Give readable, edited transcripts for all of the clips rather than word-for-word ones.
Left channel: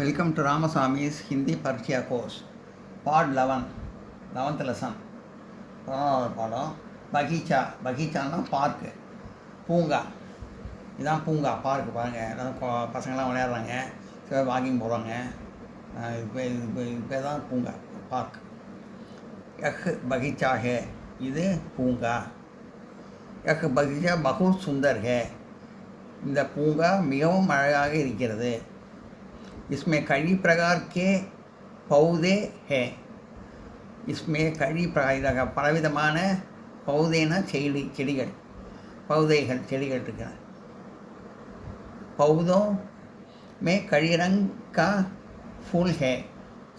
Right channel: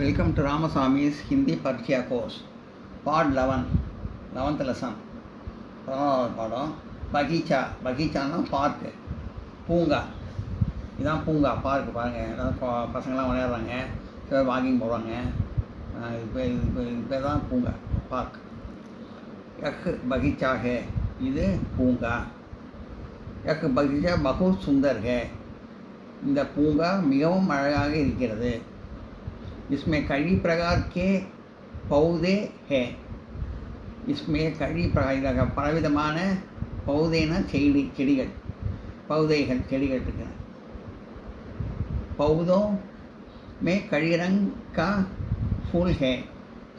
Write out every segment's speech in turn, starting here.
Welcome to Ramaswamy's Hindi Parikya course, Part 11, 11th lesson. பாடம் பகீச்சானா park, பூங்கா. இதுதான் பூங்கா, பார்க்கு பாருங்கள். பசங்கள்லாம் விளையாடுறாங்க, சில வாக்கிங் போகிறாங்க. இப்போ தான் பூங்கா, பார்க். பகீச்சா ஹே, இது பூங்கா. பகீச்சா பகுத் சுந்தர் ஹே, இந்த பூங்கா மிகவும் அழகாக இருக்கிறது. इसमें कई प्रकार के पौधे हैं. इसमें कई प्रकार பலவிதமான பௌதேனா செடிகள், பௌதைகள் செடிகள் இருக்கிற. पौधों में कई रंग का फूल है.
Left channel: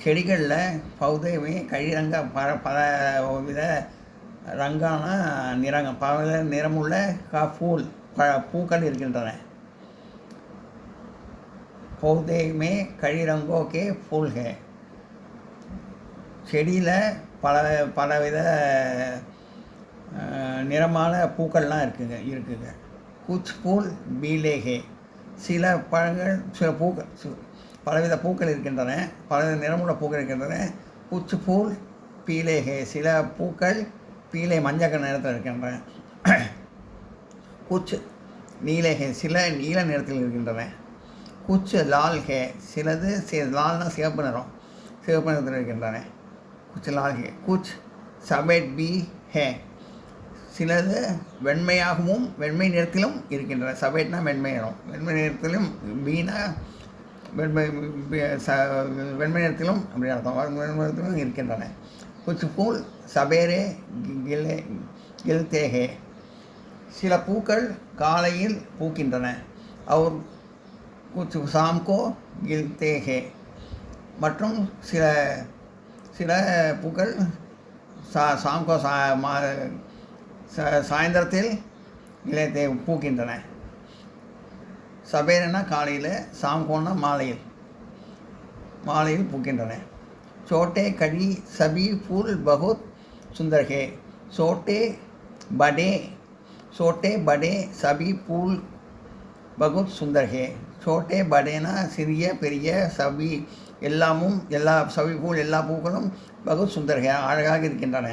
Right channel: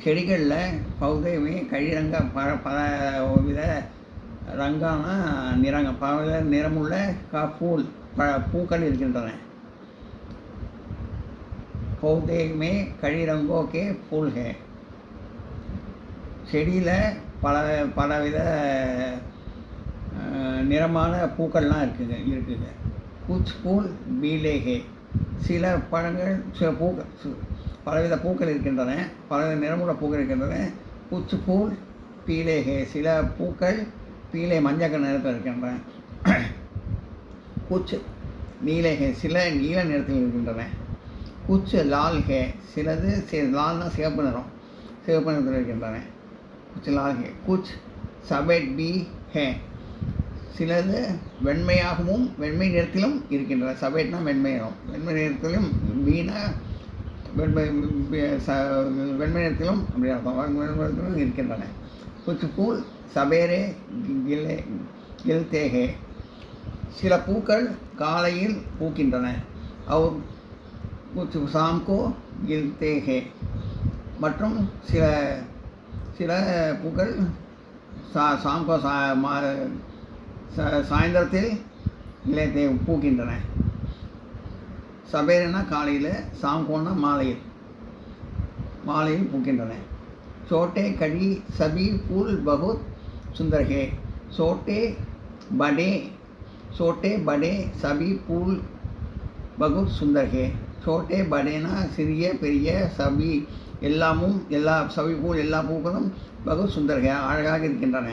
செடிகளில் पौधे में कई रंग பல வித ரங்கான நிறங்கள், பல நிறமுள்ள பூக்கள் இருக்கின்றன. पौधे में कई रंगों के फूल हैं. செடியில் பலவித நிறமான பூக்கள்லாம் இருக்குங்க. குச் பூல் பீலே ஹே, சில பழங்கள், சில பூக்கள், பலவித பூக்கள் இருக்கின்றன, பலவித நிறமுள்ள பூக்கள் இருக்கின்றன. குச் பூல் பீலே ஹே, சில பூக்கள் பீலே மஞ்சள் நிறத்தில் இருக்கின்றன. குச் நீலே ஹே, சில நீல நிறத்தில் இருக்கின்றன. குச் லால் ஹே, சிலது லால்னா சிவப்பு நிறத்தில் இருக்கின்றன. குச் லால் ஹே. குச் சபேட் பி ஹே, சிலது வெண்மையாகவும் வெண்மை நிறத்திலும் இருக்கின்றன. சபேட்னா வெண்மை நிறம், வெண்மை நிறத்திலும், பீனா வெண்மை நிறத்திலும் அப்படி அர்த்தம், நிறத்திலும் இருக்கின்றன. குச் பூல் சபேரே கில்தே ஹே, சில பூக்கள் காலையில் பூக்கின்றன. அவர் कुछ शाम को गिरते हैं, மற்றும் சில பூக்கள் சாம்கோ சாயந்தரத்தில் இலைத்தை பூக்கின்றன. சபேரனா காலையில், சாம்கோனா மாலையில் பூக்கின்றன. छोटे कड़ी सभी फूल बहुत सुंदर है. छोटे बड़े सभी फूल बहुत सुंदर है. छोटे बड़ेना சிறிய பெரிய, சபி எல்லாமும், சபி பூல் எல்லா பூக்களும் பகுத் சுந்தர் ஹே, அழகாக இருக்கின்றன.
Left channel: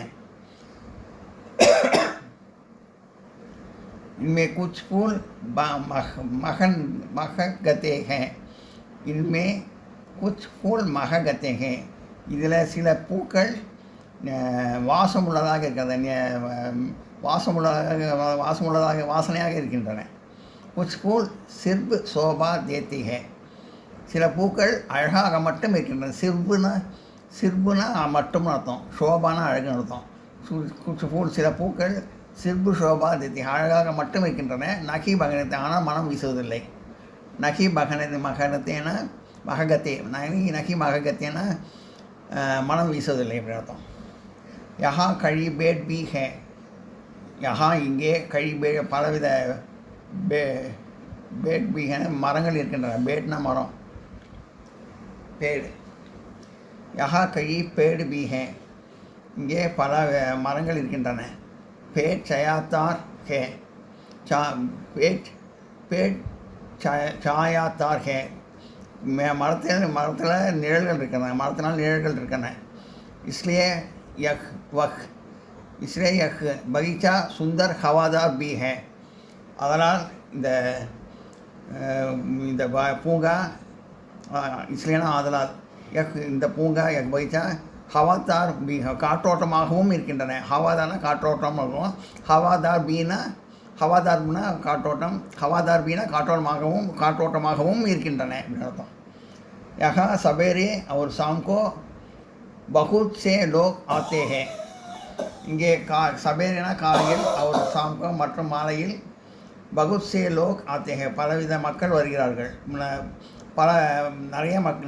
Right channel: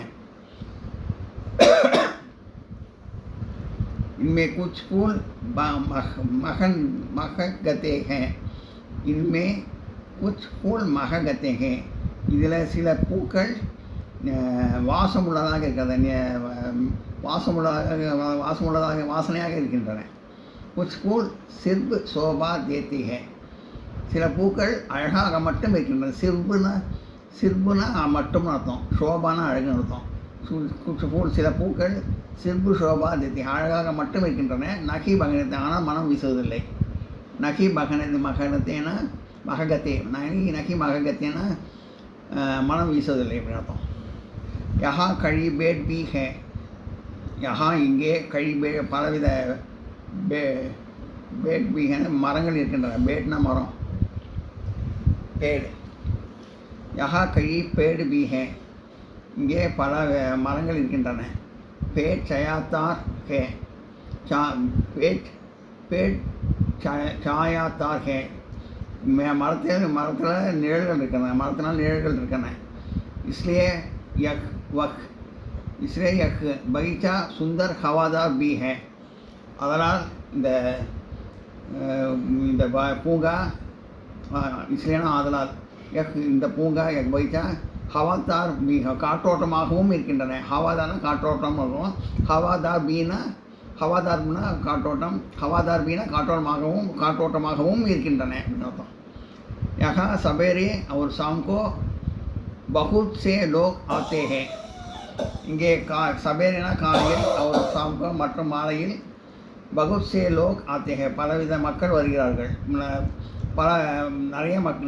इनमें कुछ फूल महकते हैं. इनमें कुछ फूल महकते हैं, இதில் சில பூக்கள் வாசமுள்ளதாக இருக்கிறது, வாசனையாக இருக்கின்றன. कुछ फूल सिर्फ शोभा देती है, சில பூக்கள் அழகாக மட்டும் இருக்கின்றன. சிர்புனா மட்டும்னு அர்த்தம், ஷோபானா அழகுன்னு அர்த்தம். குச் ஃபூல், சில பூக்கள் சிர்பு ஷோபா தேத்தி, அழகாக மட்டும் இருக்கின்றன. நகி பகனத்தை, ஆனால் மனம் வீசுவதில்லை. நகி மகனத்தேனா மககத்தே, நகி மககத்தேனா மனம் வீசுவதில்லை அப்படி அர்த்தம். யஹா கழி பேட் பி ஹே, யஹா இங்கே, கழி பலவித பேட் பீகன மரங்கள் இருக்கின்றன. பேட்னா மரம், பேடு. யஹா கழி பேடு பீஹே, இங்கே பல மரங்கள் இருக்கின்றன. பேட் சயாத்தார் ஹே, பேட் சாயாத்தார் ஹே, மரத்தில் நிழல்கள் இருக்கின்றன, மரத்தினால் நிழல்கள் இருக்கின்றன. இஸ்லியே யக் பகீச்சா சுந்தர் ஹவாதார் பி ஹே, அதனால் இந்த பூங்கா, இஸ்லேனா ஆதலால், இந்த பூங்கா பகீச்சா ஹவாதார் பி, காற்றோட்டமாகவும் இருக்கின்றன. ஹவாதார்னா காற்றோட்டமாகவும், ஹவாதார்னா காற்றோட்டம், ஹவாதார் பீனா காற்றோட்டமாகவும் இருக்கின்றன அப்படின்னு அர்த்தம். யஹா சபேரே और शाम को बहुत से लोग आते हैं. இங்கே சபேரேனா காலையில், और शाम को மற்றும் மாலையில், बहुत से लोग आते हैं, பலவித மக்கள் வருகிறார்கள்,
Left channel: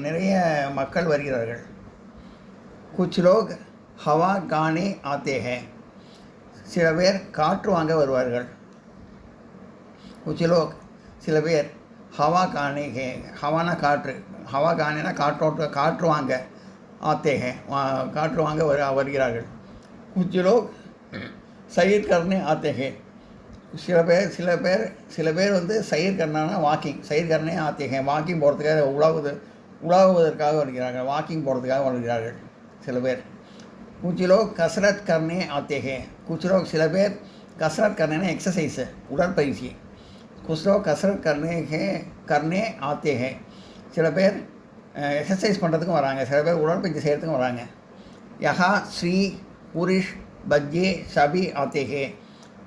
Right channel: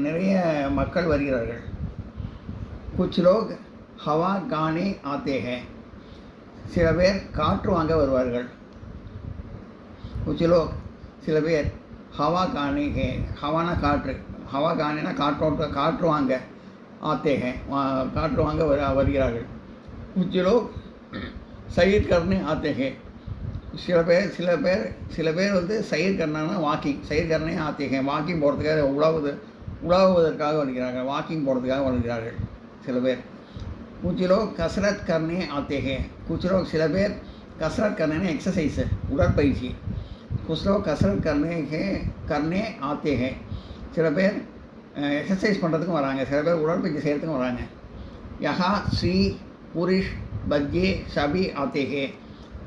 நிறைய மக்கள் வருகிறார்கள். कुछ लोग हवा गाने आते हैं, சில பேர் காற்று வாங்க வருவார்கள். कुछ लोग, சில பேர் हवा गाने हैं, हवाना காற்று, हवा गानेனா காற்று வாங்க, आते हैं காற்று வாங்க வருகிறார்கள். कुछ लोग सैर करने आते हैं, சில பேர் வந்து சைர் கர்னானா வாக்கிங், சைர் கர்னே ஆத்திகேன், வாக்கிங் போகிறதுக்காக உலாவுவதற்காக வருகிறார்கள், வாக்கிங் போகிறதுக்காக வருகிறார்கள் சில பேர். कुछ लोग कसरत करने आते हैं, कुछ लोग சில பேர் कसरत करने एक्सरसाइज உடற்பயிற்சி, कुछ लोग कसरत करने आते हैं, சில பேர் எக்ஸசைஸ் பண்ணுறதுக்கும் வராங்க, சில பேர் உடற்பயிற்சி செய்கிறதுக்கும் வராங்க. யஹா ஸ்ரீ புருஷ் பஜ்ஜே சபி ஆத்தே ஹே,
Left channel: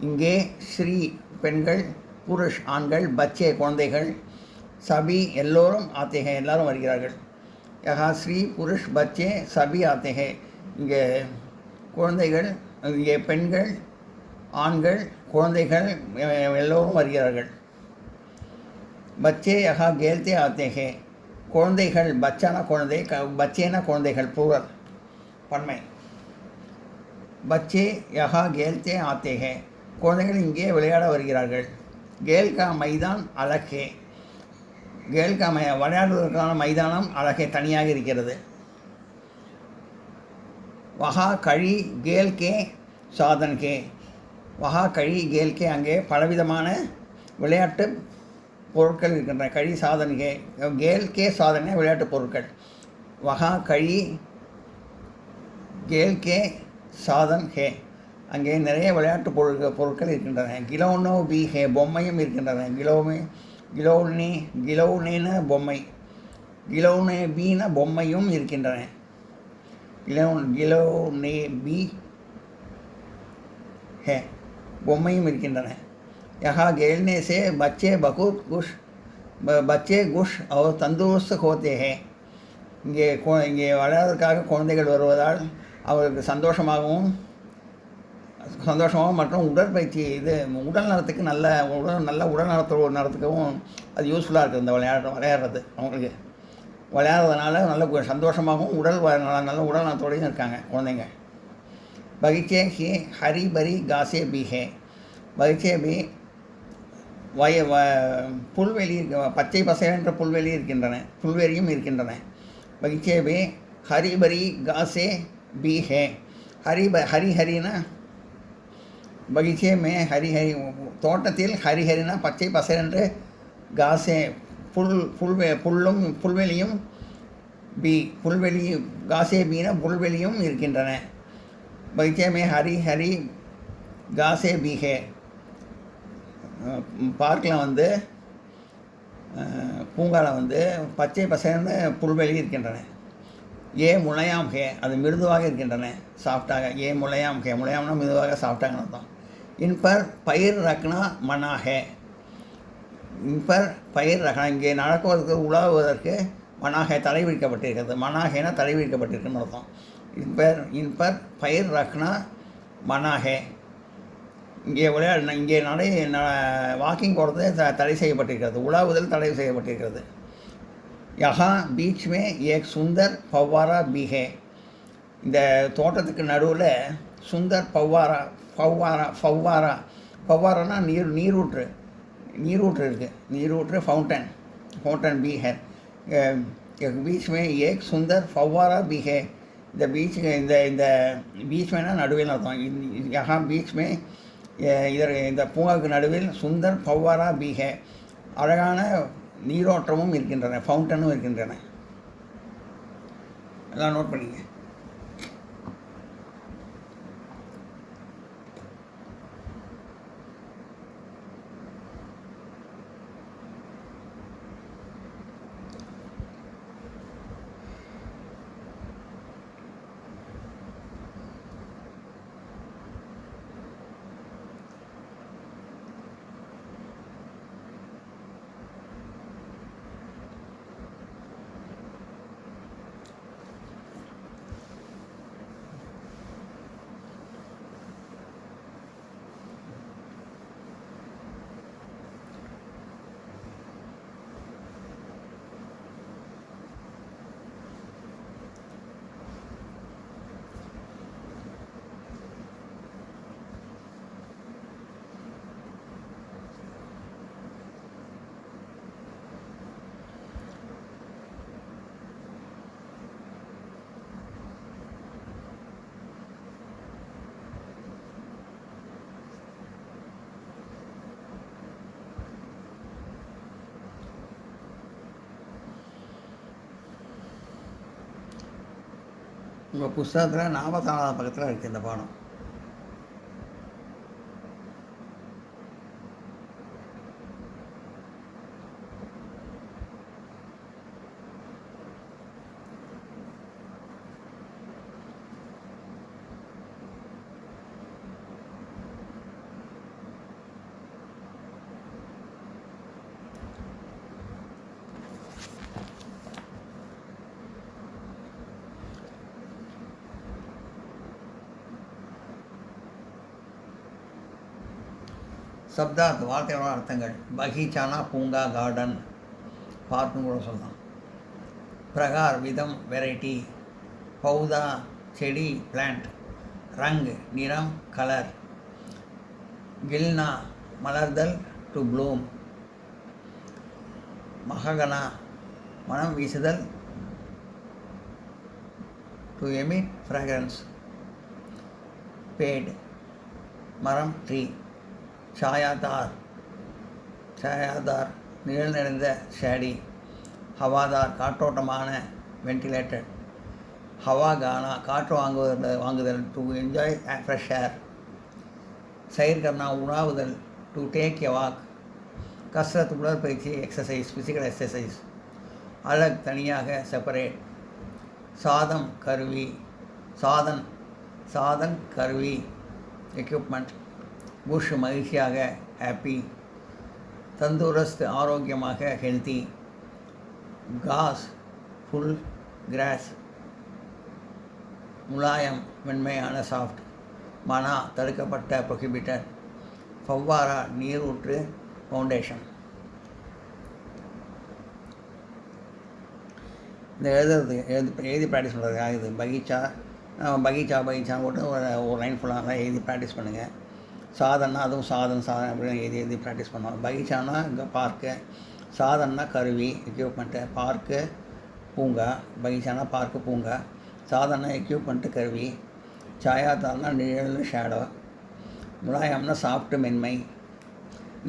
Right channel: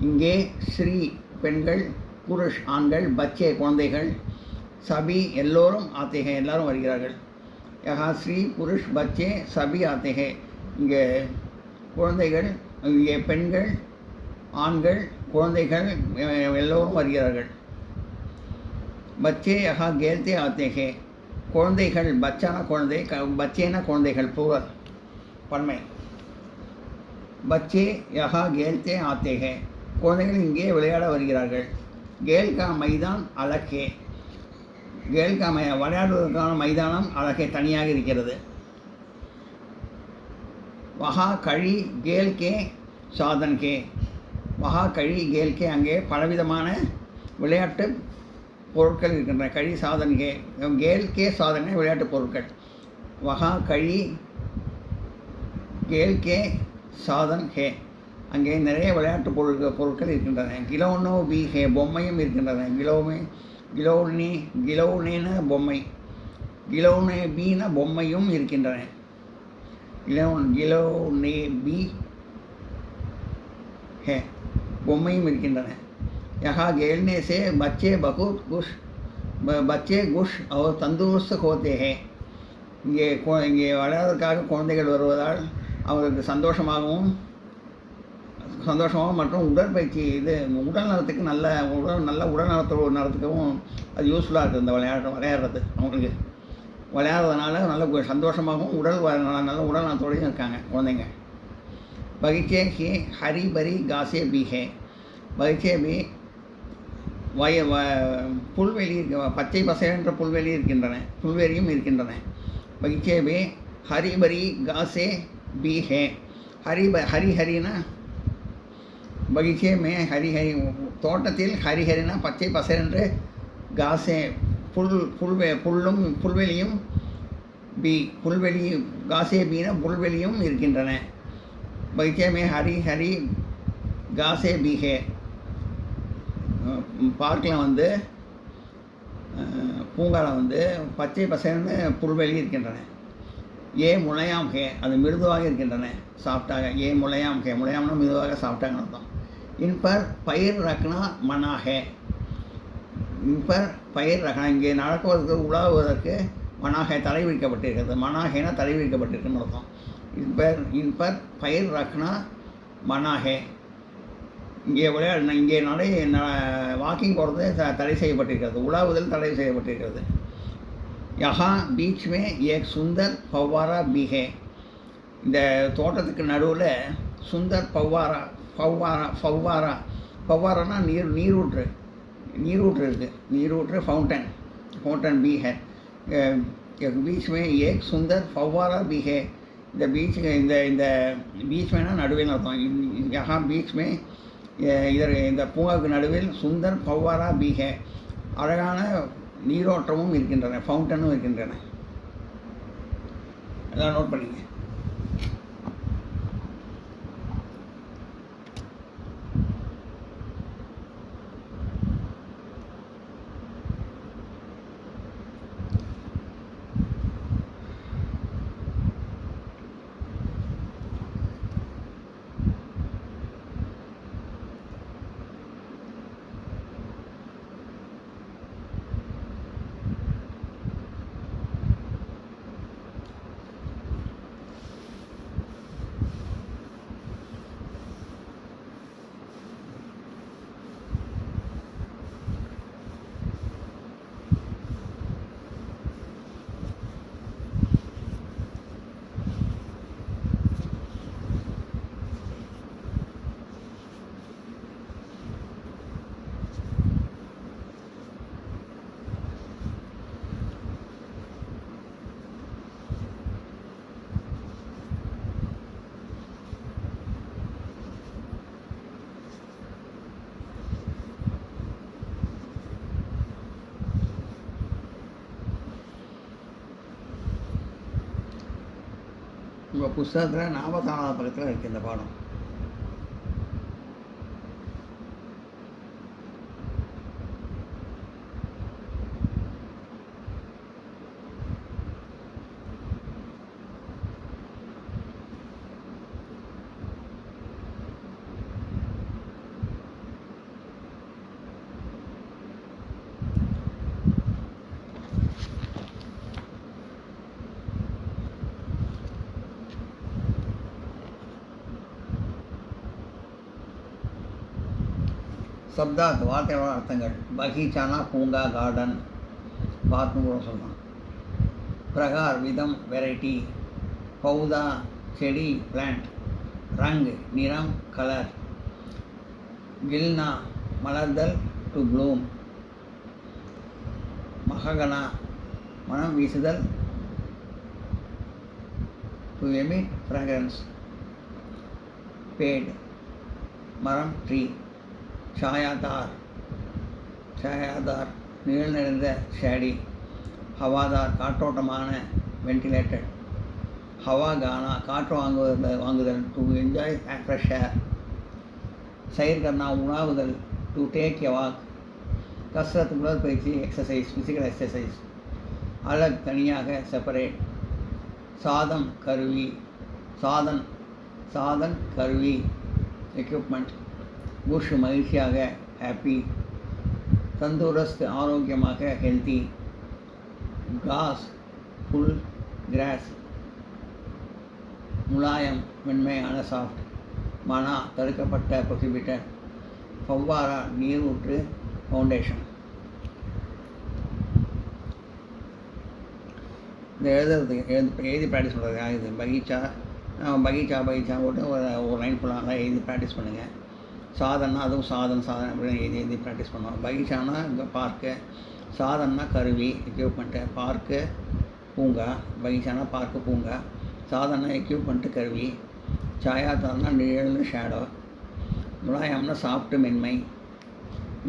இங்கே ஸ்ரீ பெண்கள், புருஷ் ஆண்கள், பச்சே குழந்தைகள், சபி எல்லோரும் ஆத்தே ஹே எல்லாரும் வருகிறார்கள். யஹா ஸ்ரீ புருஷ் பச்சே சபி ஆத்தே ஹே, இங்கே குழந்தைகள், இங்கே பெண்கள், ஆண்கள், குழந்தைகள் எல்லோரும் வருகிறார்கள். பச்சே யஹா கேல்தே ஆத்தே ஹே, குழந்தைகள், பச்சானா குழந்தை, பச்சேனா குழந்தைகள், ப்ளூரல் பன்மை. பச்சே யஹா கேல்தே ஆத்தே ஹே, குழந்தைகள் இங்கே விளையாட வருகிறார்கள். கேல் கா மைதான் அலகே, கேல் கா விளையாடுவதற்கான மைதானம் அழகே தனியாக இருக்கிறது. வஹா கழி கேல் கே சாதன் கே, வஹா கழி கேல் கே, அங்கே பலவிதமான விளையாட்டு பொருட்கள் இருக்கின்றன. கழி சாதன் கே, கேல் கே சாதனை விளையாட்டு பொருட்கள். வஹா கழி கேல் கே சாதன் ஹே, அங்கே நிறைய விளையாட்டு பொருட்கள் இருக்கின்றன. கிலோனோ பி ஹே, பொம்மையும் இருக்கின்றன. கிலோனேன பொம்மை, கிலோனே பீன பொம்மையும் இருக்கின்றன. கிலோனே பி ஹே, பொம்மையும் இருக்கின்றன. யஹா கேல்னே சே பச்சே பகுத் குஷ், பச்சே குஷ் அவர் தந்தூர்ஸ்த் ஹோத்தே ஹே, இங்கே விளையாடுவதற்காக குழந்தைகள் வருவதால் அவருக்கு சந்தோஷமாகவும் மற்றும் உடற்பயிற்சி, இது உடல் நலத்துக்கு நல்ல உடல் நலத்துக்கும் அது யூஸ்ஃபுல்லாக இருக்குது. இந்த விளையாடுறது அவங்களுக்கு விளையாடுறதுனால நல்ல சந்தோஷமாகவும் நல்ல உடல் நலத்தோடையும் இருக்காங்க குழந்தைங்க. பகிச்சே ஹே ஹரி பரி காசே பி ஹே, பகிச்சே பி புல்வெளி, பச்சை பசையென்ற புல்வெளியும் இருக்கின்றன. பகிச்சே பி ஹரி பரி காசே பி ஹே, ஹரினா பகிச்சே மே ஹரிஹரி, தோட்டத்தில் ஹரிஹரினா பச்சை பசையென்று, காசே புல்வெளியும், புல்வெளி காசே பீனா புல்வெளியும் இருக்கின்றன. பகிச்சே மே ஹரி காசே பீஹே, பார்க்கில் பூங்காவில் பச்சை பசைன்னு புல்வெளி இருக்கின்றன. ஏ முளையாம் ஹே, அது மிருதுவாக இருக்கின்றன, சாஃப்டாக. ஏ முளையாம் ஹே, முளையாம்னா மிருதுவாக சாஃப்டாக அர்த்தம். இன்பர் பயிர் ரக்னா மனா ஹே, இன்பர் பயிர் ரக்னா, இங்கே நடக்குவதற்கு உலாவுவதற்கு மனாஹே தடை விதிக்கப்பட்டிருக்கிறது. மனாஹேனா தடை விதிக்கப்பட்டிருக்குன்னு அர்த்தம். இன்பர் பயிர் ரக்னா மனாஹே, இங்கே இங்கே வாக்கிங் போகிறது தடை செய்யப்பட்டிருக்கிறது, உலாவுதல் தடை செய்யப்பட்டிருக்கிறது. யஹா பீச் மே ஏக் சுந்தர் பவ்வாரா பி ஹே, இந்த தோட்டத்துக்கு நடுவில் சுந்தர் பவ்வாரானா நீரூற்று இருக்குது, நீரூற்று ஃபவுண்டன் பி ஹே. பீச் மே ஏக் சுந்தர் பவ்வாரா பி ஹே, இந்த பீச் மேனா நடுவில் அர்த்தம். யஹா பீச் மே இந்த பூங்காவுக்கு நடுவில் சுந்தர் பவ்வாரா பி ஹே, அழகான நீரோட்டமும் இருக்கின்றன, ஃபவுண்டனும் இருக்கின்றன. எல்லாம் நோட் பண்ணிங்க. உங்கள் புஸ்தகத்தில் 44வது பக்கத்தில் இருக்குது இந்த பாடம். சப்தார்த் வார்த்தையோட அர்த்தங்கள். பகீச்சானா பூங்கா, கார்டன், பார்க்னு கூட சொல்லலாம். பிரகார் விதம், வெரைட்டி. பௌதா செடி, பிளான்ட். ரங் நிறம், கலர். கில்னா மலர்தல், டு ப்ளூம். மககனா மனம் வீசுதல், டு எமிட் ஃப்ராக்ரன்ஸ். பேட் மரம், ட்ரீ. சாயாதார் நிழல் நிறைந்த, ஷேடி. ஹவாதார் காற்றோட்டமான, வென்டிலேட்டட். ஹவா கானா காற்று வாங்குதல், டு என்ஜாய் ஃப்ரெஷ் ஏர். சைர் கர்னா உணாவுதல், டு டேக் எ வாக். கஸ்ரத் உடற்பயிற்சி, எக்ஸசைஸ், ஃபிசிக்கல் எக்ஸசைஸ். அலக் தனியாக, செப்பரேட். சாதம் கருவி, சாதன் கருவி, எக்யூப்மெண்ட். புஷ் மகிழ்ச்சியாக, ஹாப்பி. தந்தூரஸ்த் ஆரோக்கியமாக, ஹெல்த்தி. காஸ் புல், கிராஸ். முலாயம் மென்மையான, சாஃப்ட். மனா தடுக்கப்பட்ட, ப்ரொஹிபிட்டட். ஃபவ்வாரா நீரூற்று, ஃபவுண்டேஷன். இந்த எழுதி ப்ராக்டிஸ் பண்ணுறதுக்காக இது பகீச்சா போட்டு ஒரு லைன் ஃபுல்லாக எழுதி ப்ராக்டிஸ் பண்ணுங்கள். சாதன்னா அதுவும் சாதன் அப்படின்னு எழுதி ப்ராக்டிஸ் பண்ணோம். பகீச்சானா இங்கே பார்க்கு, சாதன்னா கருவி, எக்யூப்மெண்ட்டு. பார்க்கு பூங்கா, பகீச்சானா பார்க்கு பூங்கா. சாதனா எக்யூப்மெண்ட்டு கருவி. சாயாதான்னா நிழல், ஷேடோ. முலாயம்னா சாஃப்ட்டு மென்மை.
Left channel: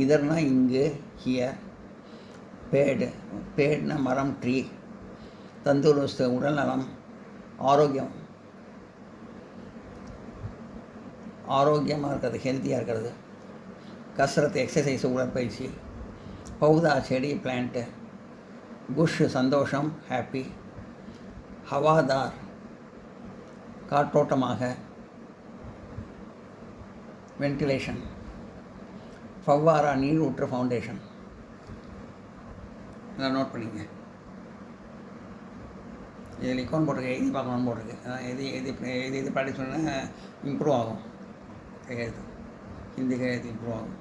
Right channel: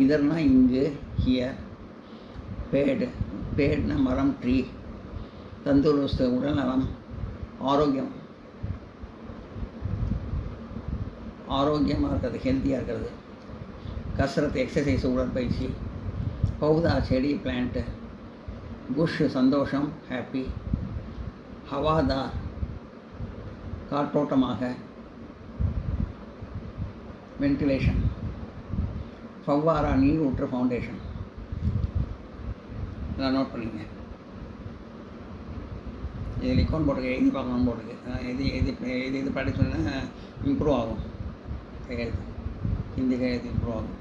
இதர்னா இங்கு, ஹியர். பேட்னா மரம், ட்ரீ. தந்தூரஸ்து உடல் நலம், ஆரோக்கியமாக இருக்கிறது, ஹெல்த்தியாக இருக்கிறது. கஸ்ரத் எக்ஸசைஸ், உடற்பயிற்சி. பௌதா செடி, பிளான்ட்டு. குஷ் சந்தோஷம், ஹாப்பி. ஹவாதார் காற்றோட்டமாக, வென்டிலேஷன். ஃபவ்வாரா நீரூற்று, ஃபவுண்டேஷன். இதை நோட் பண்ணிங்க. இதில் இக்கௌண்ட் போட்டிருக்கு, எழுதி பார்க்கணும்னு போட்டிருக்கு. இது ப்ராக்டிஸ் பண்ணால் இம்ப்ரூவ் ஆகும். ஹிந்தி கையெழுத்து இம்ப்ரூவ் ஆகும்.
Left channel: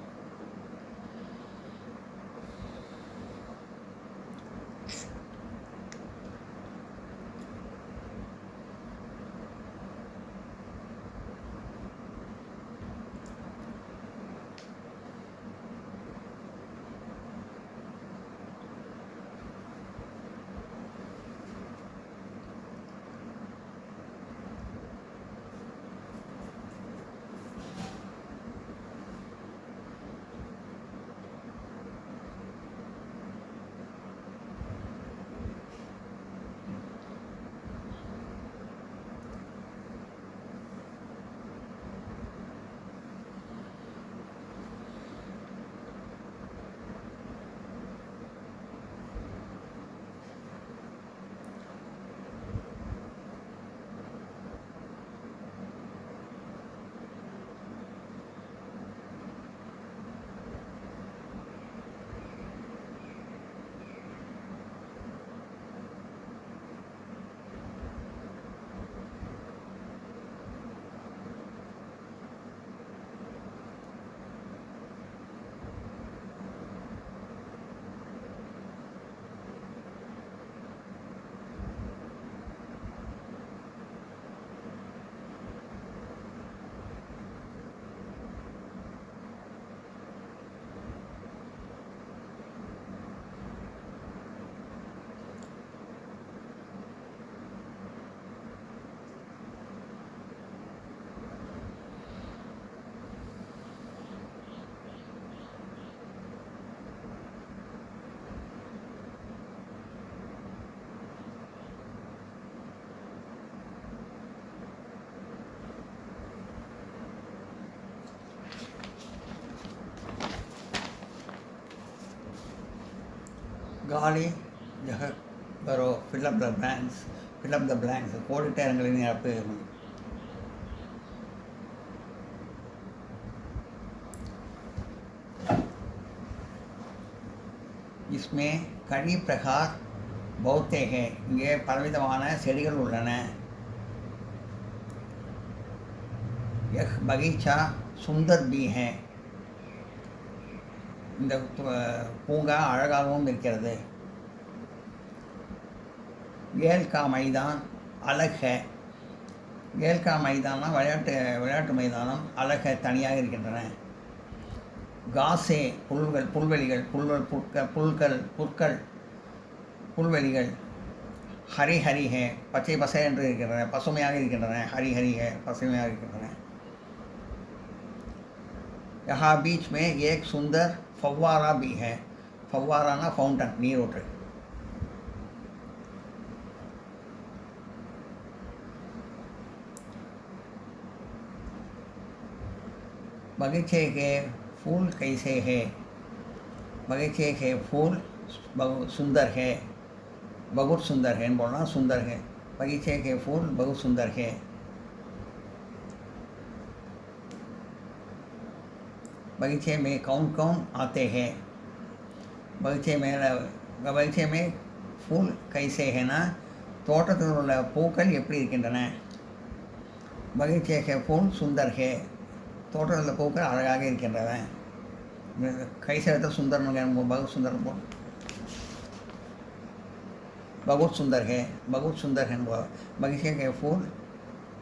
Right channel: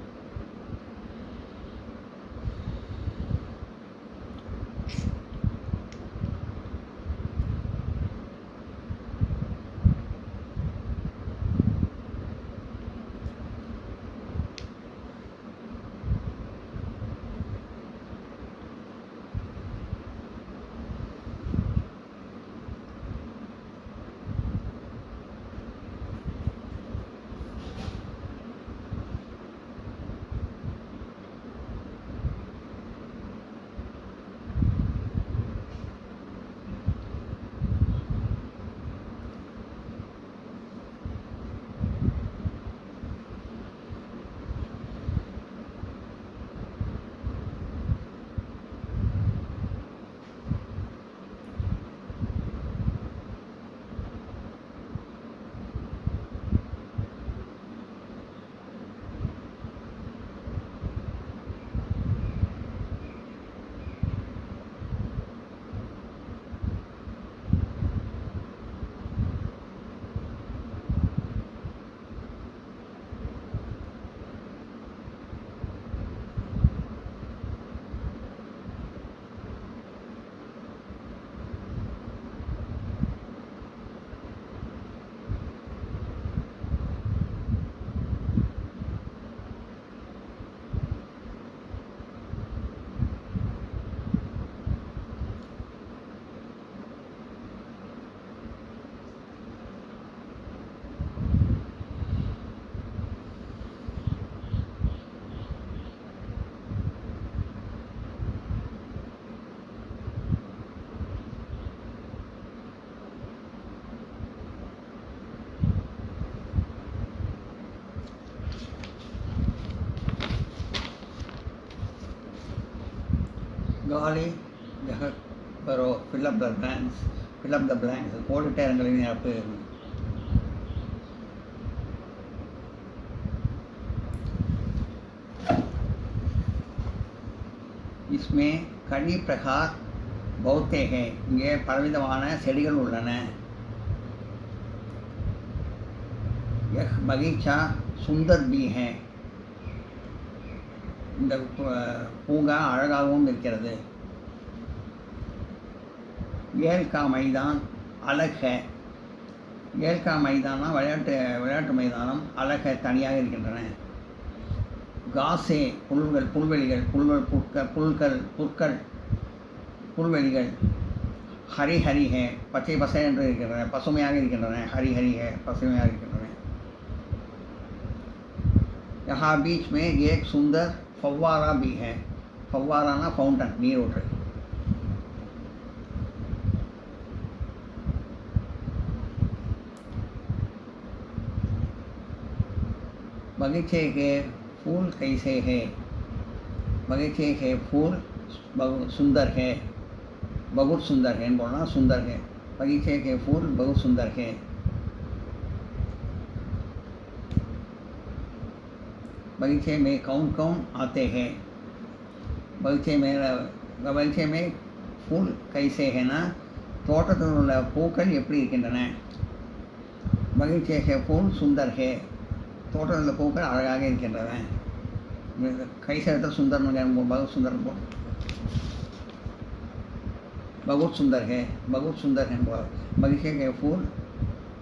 காலி ஜஹக் பரோ fill up the blanks, fill up the blanks, கோடிட்ட இடங்களை நிரப்பு. इसमें कई प्रकार बहुते हैं, இங்கே பலவிதமான செடிகள் உள்ளன. यह बगीचा सुंदर भी है, இந்த பூங்கா அழகாகவும் இருக்கிறது. ஏல் கா மைதான் அலக் है, ஏல் கா மைதானா விளையாட்டு மைதானம், அலக் है தனியாக இருக்கின்றன. காசே புல்வெளிகள், புல்வெளிகள். ஹரி ஹரி ஹே பச்சை பசை என்று இருக்கின்றன, பசுமையாக இருக்கின்றன. ஹரி ஹரி ஹே பசுமையாக இருக்கின்றன. यहाँ बीच में एक सुंदर फव्वारा भी है, फव्वाराना फाउंटन, நீரூற்று. बगीचे के फूल कैसे है, बगीचे के फूल बहुत सुंदर है, बहुत सुंदर है बोलना, सुंदर है. बगीचे के फूल बहुत सुंदर है. बगीचे में कौन कौन आते हैं, बगीचे में फूल कैसे है ना, தோட்டத்தில் உள்ள பூக்கள் எப்படி இருக்கின்றன. பகீச்சே கே ஃபூல் சுந்தர் ஹே, தோட்டத்தில் உள்ள பூக்கள் அழகாக இருக்கின்றன. கைசேர்த்த சுந்தரன் பகுத் சுந்தர் बहुत सुंदर है, बहुत सुंदर है. बगीचे के फूल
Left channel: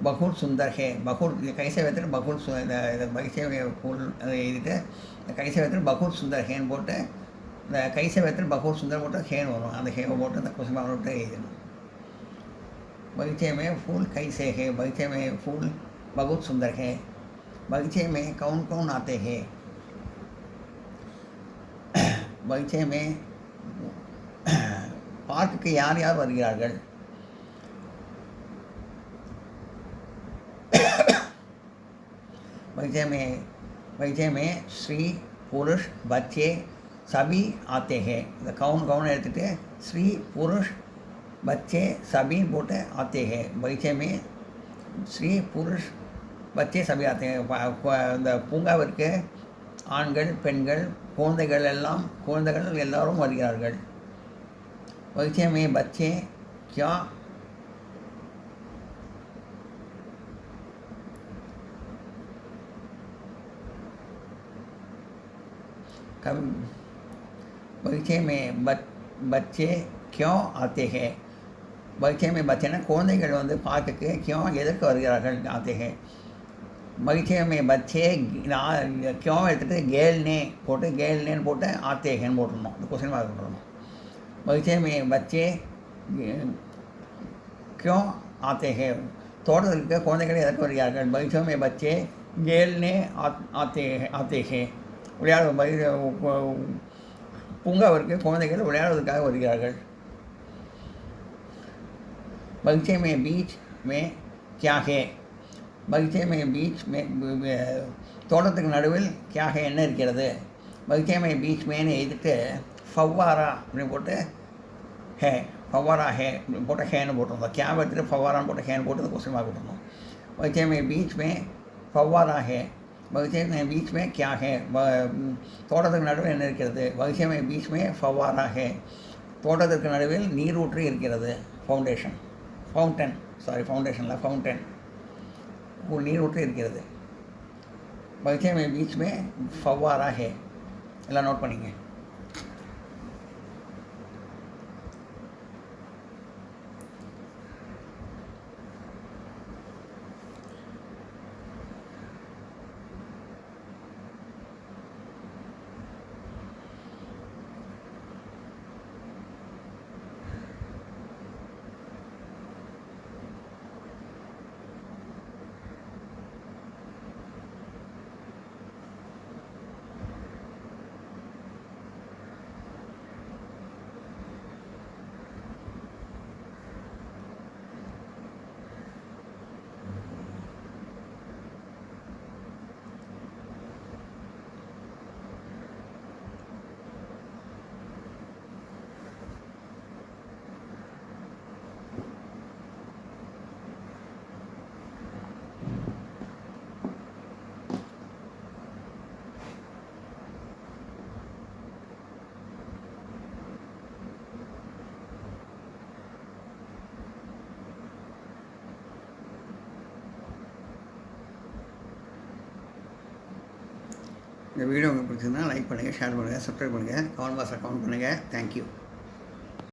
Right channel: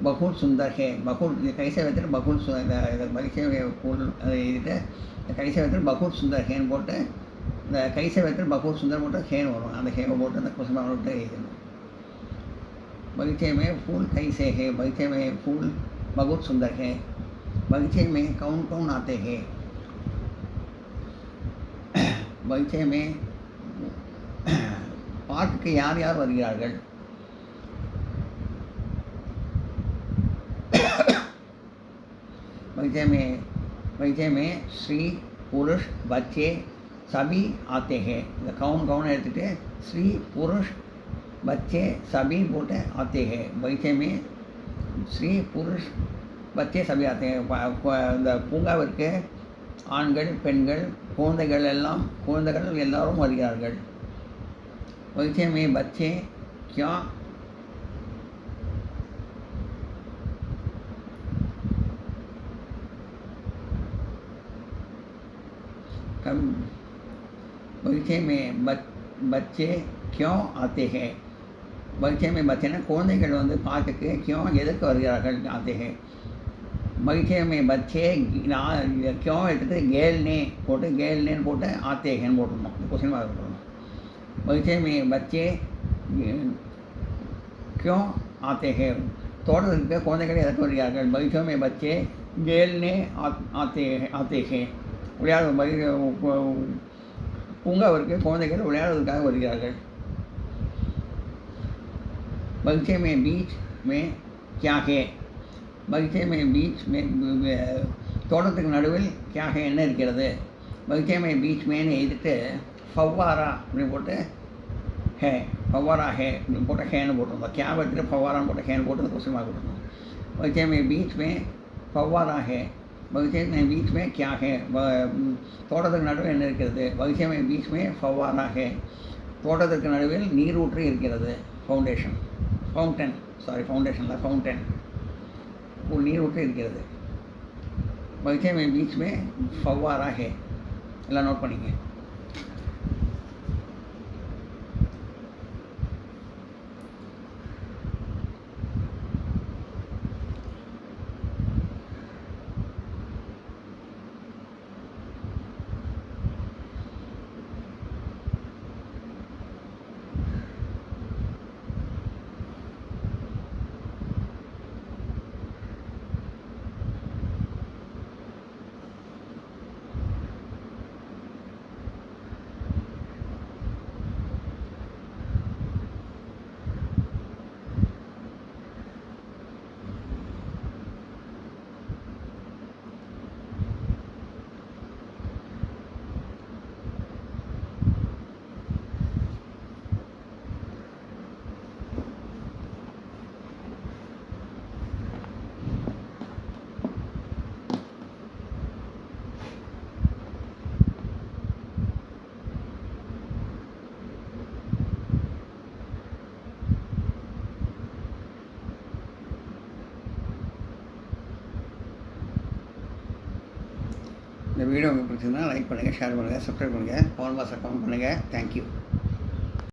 बहुत सुंदर है, बहुत कैसे வைத்து बहुत பகீச்சே फूल இதுக்கு கைசே வைத்து बहुत सुंदर ஹேன்னு போட்டு, இந்த கைசே வைத்து बहुत सुंदर போட்டு ஹேன் வரும். அந்த ஹேவை போட்டு அந்த குசுமை விட்டு எழுதணும். बगीचे में फूल कैसे है, बगीचे में फूल बहुत सुंदर है. बगीचे में कौन कौन आते हैं, बगीचे में பார்க்குக்கு யார் யார் வருகிறார்கள். बगीचे में स्त्री पुरुष बच्चे सभी आते हैं. இந்த கவுன் எடுத்துகிட்டு ஸ்ரீ புருஷ் बच्चे सभी बोटे आते हैं. बगीचे में ஸ்ரீ புருஷ் बच्चे सभी आते हैं. இந்த பூங்காவிற்கு ஆண்கள் பெண்கள் குழந்தைகள் எல்லாரும் வருகிறார்கள். बगीचे में बच्चे क्या बगीचे में बच्चे क्यों आते हैं, बगीचे में बच्चे ना குழந்தைகள் வந்து பார்க்குக்கு क्यों எதற்கு வருகிறார்கள் आते हैं. बगीचे में बच्चे क्यों எடுத்துட்டு கேல்னே போட்டு आते हैं போட்டுருந்தோம். Question mark போட்டுருந்தோம். बगीचे में बच्चे क्यों आते हैं, தோட்டத்திற்கு குழந்தைகள் எதற்கு வருகிறார்கள். बगीचे में बच्चे खेलने आते हैं, பூங்காவிற்கு குழந்தைகள் விளையாடுவதற்காக வருகிறார்கள். बगीचे में बीच में क्या है, बगीचे में बीच में தோட்டத்துக்கு நடுவில் क्या है என்ன இருக்கிறது. बगीचे में बीच में எழுதிட்டு फव्वारा அப்படின்னு போட்டு ஹே, फव्वारा है போட்டு ஹேன்னு போட்டிருந்தோம். கேப் எடுத்துகிட்டு फव्वाराன்னு போட்டு ஹேன்னு போட்டு கொஸ்டின் மார்க் போட்டிருந்தோம். बगीचे में बीच में फव्वारा है, बगीचे में बीच में क्या है, தோட்டத்துக்கு நடுவில் என்ன இருக்கிறது. बगीचे में बीच में फव्वारा है, தோட்டத்திற்கு நடுவில் நீரூற்று இருக்கிறது. ஃபவுண்டன் நீரூற்று இருக்கிறது. बगीचे में बीच में फव्वारा है. எல்லாம் நோட் பண்ணிங்க. இந்த வீடியோ உங்களுக்கு பிடிச்சிருந்தா லைக் பண்ணுங்கள், ஷேர் பண்ணுங்கள், சப்ஸ்கிரைப் பண்ணுங்கள், கமெண்ட் பாக்ஸில் கமெண்ட் பண்ணுங்கள். தேங்க்யூ.